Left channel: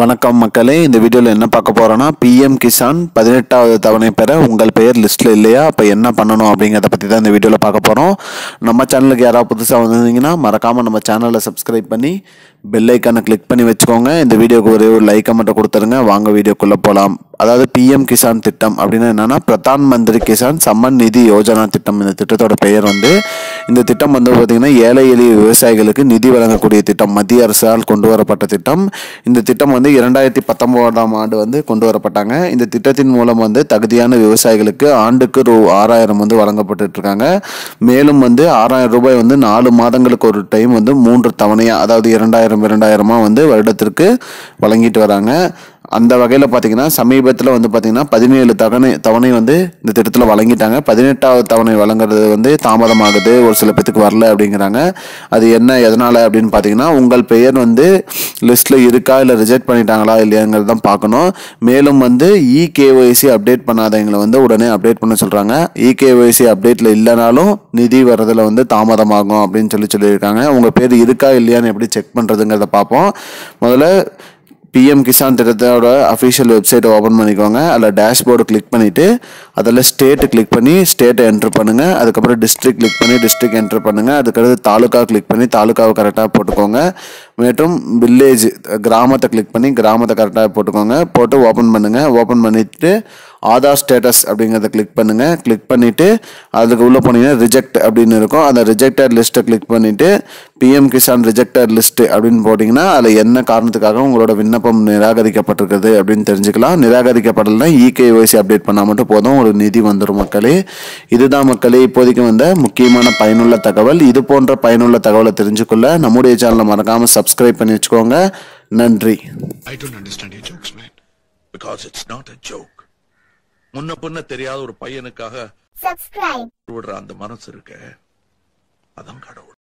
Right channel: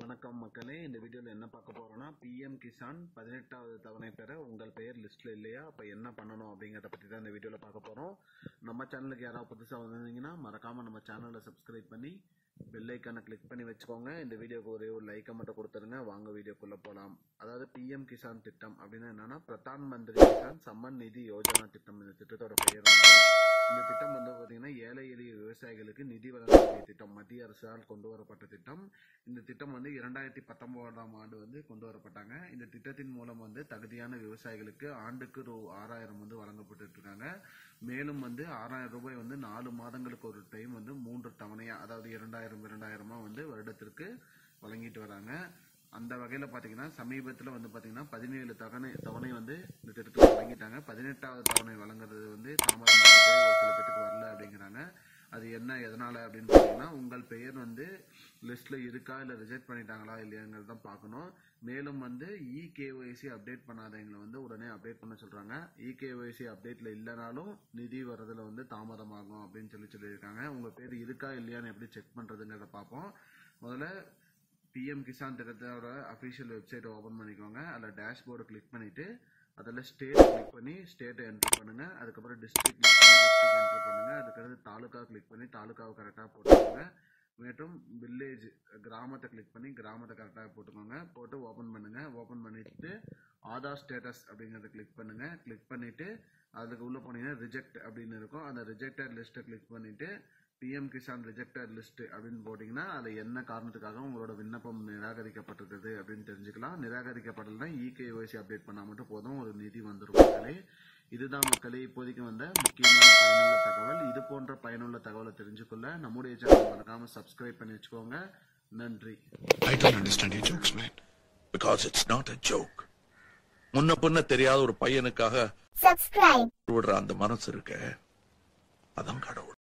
வணக்கம் மக்களே, இந்த வீடியோவில் என்ன பார்க்க போகிறோன்னா பிஎம் கிசான் 18வது தவணை பெற உங்கள் பெயர் லிஸ்ட்டில் இல்லையா, அப்போ என்ன பண்ணணும் அப்படிங்கிறத பற்றி தான் இந்த வீடியோவில் பார்க்க போகிறோம். நம்ம சேனலுக்கு யாராவது புதுசாக வந்திருந்தீங்கன்னா மறக்காமல் நம்ம சேனலை சப்ஸ்கிரைப் பண்ணி பெல் ஐக்கானை கிளிக் பண்ணி வச்சுக்கோங்க. இந்த வீடியோக்கு ஒரே ஒரு லைக்கை மட்டும் கொடுத்துருங்க. வாங்க வீடியோக்குள்ளே போகலாம். அதாவது பிஎம் கிசான் திட்டம் அப்படின்னா என்னென்னா பிரதான் மந்திரி கிசான் சம்மன் நிதி யோஜனா திட்டம். இந்த திட்டத்தோட பெயர் இந்த திட்டம் பார்த்திங்கன்னா ஏழை எளிய விவசாயிகளுக்கு நிதி வழங்கக்கூடிய திட்டம். மத்திய அரசால் கொண்டு வரப்பட்ட திட்டம். இந்த திட்டம் 2019ஆம் ஆண்டு கொண்டு வரப்பட்டாங்க. இந்த திட்டத்தின் மூலம் தகுதியான விவசாயிகளுக்கு ஆண்டுக்கு ரூ. 6000 வழங்கப்பட்டு இருக்காங்க. மேலும் ரூபாய் 6,000 4 மாதங்களுக்கு ஒரு டைம் 3 தவணையாக, அதாவது 2000 வருடத்திற்கு வழங்கிட்டு வராங்க. அந்த வகையில் பார்த்தீங்கன்னா சமீபத்தில் பார்த்தீங்கன்னா 17 தவணை இந்த திட்டத்தில் வழங்கிட்டாங்க. 18வது தவணை வழங்குறது தாமதமாகுது, ஒரு சில பேத்துக்கு வரல அப்படிங்கிறாங்க. அது என்ன எதனால் அப்படின்னு பார்த்தீங்கன்னா உங்கள் பெயர் லிஸ்ட்டில் இருக்கா இல்லை ரிஜெக்ட் பண்ணிட்டாங்களா இல்லையாங்கிறது தான் பார்க்கணும். மேலும் இகேஒய்சி அப்டேட் பண்ணாதவங்களை உடனே அப்டேட் பண்ண சொல்கிறாங்க. இகேஒய்சி அப்டேட்டில் இல்லைனாலும் நிதி வர்றதில் தாமதமாகும் அப்படின்னு சொல்லியிருக்காங்க. உங்கள் பேர் இருக்கா இல்லையான்னு எப்படி செக் பண்ணுறதுங்கிறத பார்ப்போம். முதல்ல பிஎம் கிசான் திட்டத்தோட அஃபிஷியல் வெப்சைட்டை ஓப்பன் பண்ணிக்கோங்க. அதில் டேஷ்போர்டு கிளிக் பண்ணிவிட்டு அதில் ஸ்டேட்டு கிளிக் பண்ணி ஸ்டேட்டை என்ட்ரு பண்ணுங்கள். அதுக்கப்புறம் டிஸ்ட்ரிக்ட் கிளிக் பண்ணி டிஸ்ட்ரிக்ட் என்ட்ரு பண்ணுங்கள். அதுக்கடுத்து தாலுக்கா கிளிக் பண்ணி தாலுக்காவை கரெக்டாக போட்டுக்கோங்க. மற்றும் வில்லேஜ் கிராமத்தை கிளிக் பண்ணி கிராமத்தை கரெக்டாக போட்டுக்கோங்க. போட்டு ஓப்பன் பண்ணுங்கள். ஓப்பன் பண்ணிவிட்டு ஆதார் ஸ்டேட்டஸ் அப்படிங்கிறத கிளிக் பண்ணுங்கள். கிளிக் பண்ணிவிட்டு அதுக்கு உள்ளே போனீங்கன்னா ரிஜெக்ட் அப்படின்னு இருக்கும். அந்த ரிஜெக்டட் லிஸ்ட்டை கிளிக் பண்ணிவிட்டு பிஎம் கிசான் ரிஜெக்டட் லிஸ்ட்டு அப்படின்னு போட்டிங்கன்னா அதில் என்ன காரணத்துக்காக உங்களோட விண்ணப்பம் நிராகரிக்கப்பட்டிருக்குது அப்படின்னு தெரிஞ்சுக்கலாம். நிராகரிக்கப்படலைன்னா இகேஒய்சி அப்டேட் பண்ணால் மட்டும் போதும், ஒரு நிதி வந்துடும் மக்களே. இதுதான் மக்களே இப்போதைக்கு முக்கியமான பயனுள்ள தகவல். இது போன்ற பயனுள்ள தகவலை தெரிஞ்சுக்கொள்ள நம்முடைய சேனலை மறக்காமல் சப்ஸ்கிரைப் பண்ணி வச்சுக்கோங்க. நன்றி. I don't understand your jokes, man. Because it's not a joke. முன்ன பின்ன தெரியாத ஒரு பையனுக்காக விடுற அந்த மனசு இருக்க, அதான் கடவுள்.